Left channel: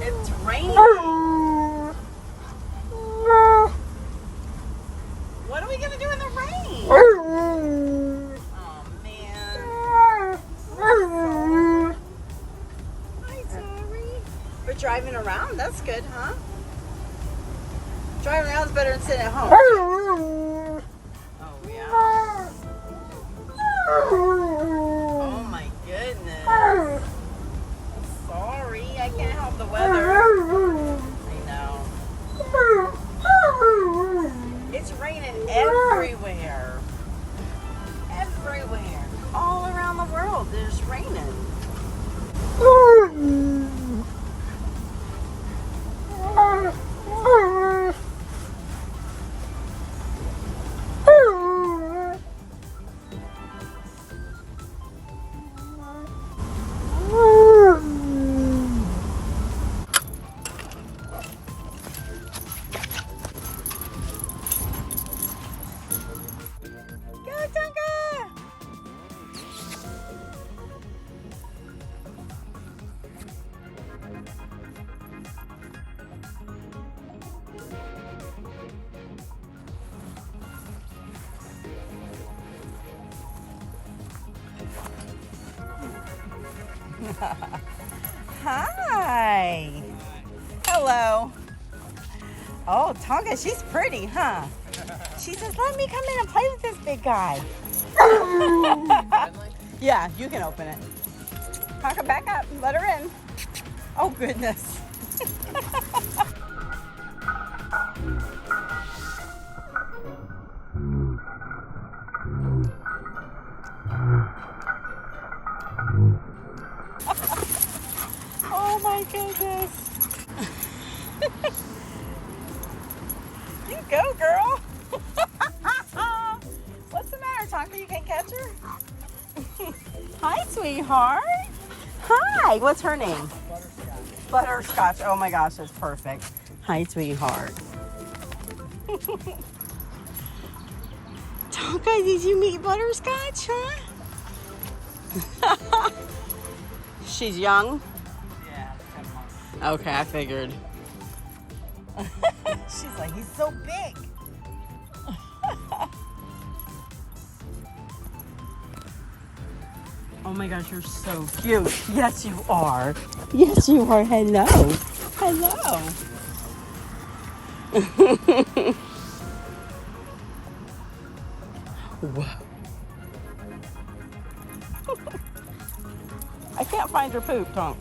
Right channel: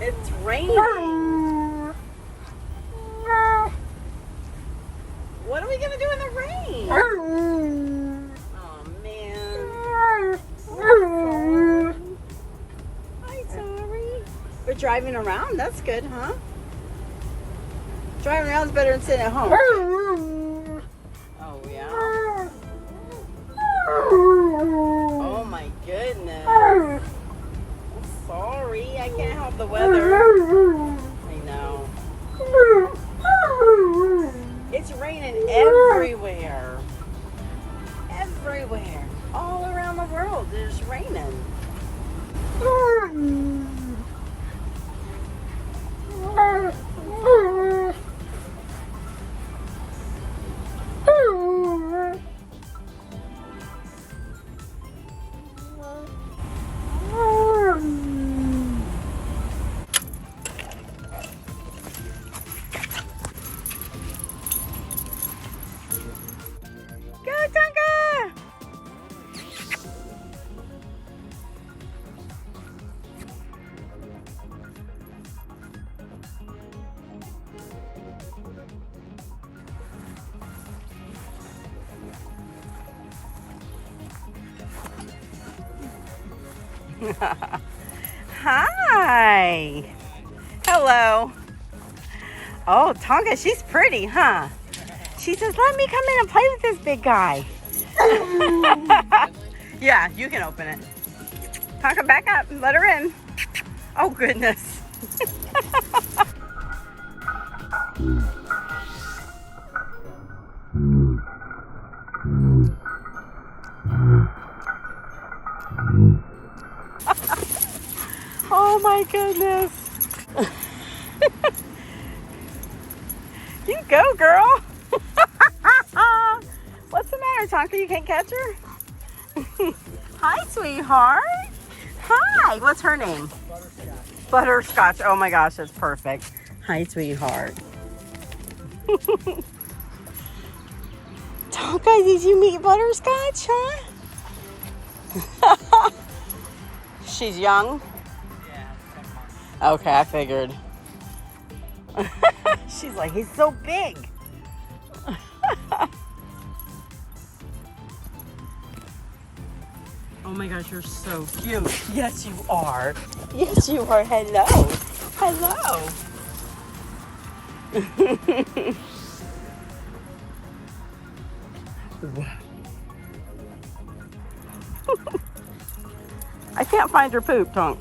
It's raining. What are we gonna do in the rain? Oh man. Hi, Sally. We're driving around. That's good, huh? Driving around is better than sitting at home. Oh yeah. Oh my goodness. Sorry, I can't help the weather. I know. It's raining everywhere. Everywhere. All around the world, it's raining. Hi. Hello. Oh, Tonka, she's pretty, huh? She says, let me come in and play with this big guy. Yeah, you can open it. Tonka, back up. Let her in. Oh, goodness. Oh my goodness. You go, girl. What's the matter, Tonka? You can't catch her? Hi, sweetheart. Hi. What's her name? Butterscotch. Butterscotch. Oh my gosh, that's perfect. Hi, sweetheart. Tonka, did you meet Butterscotch, huh? She's young? Yeah. Okay, I figured. She's like, he's so big. Oh my gosh, you're so cute. Yes, you are. Yes, you are. Hello. Hello. Wow. I can't find her poop, Tonk.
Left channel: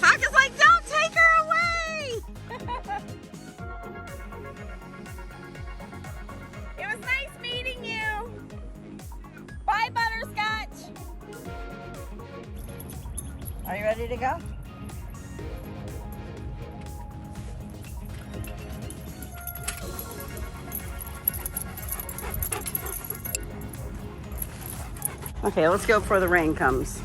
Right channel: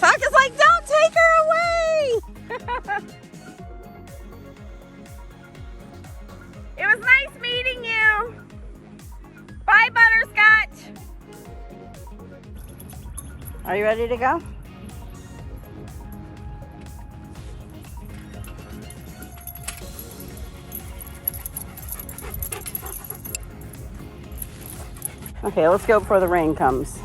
Tonka's like, don't take her away. It was nice meeting you. Bye, Butterscotch. Are you ready to go? Okay, let's go before the rain comes.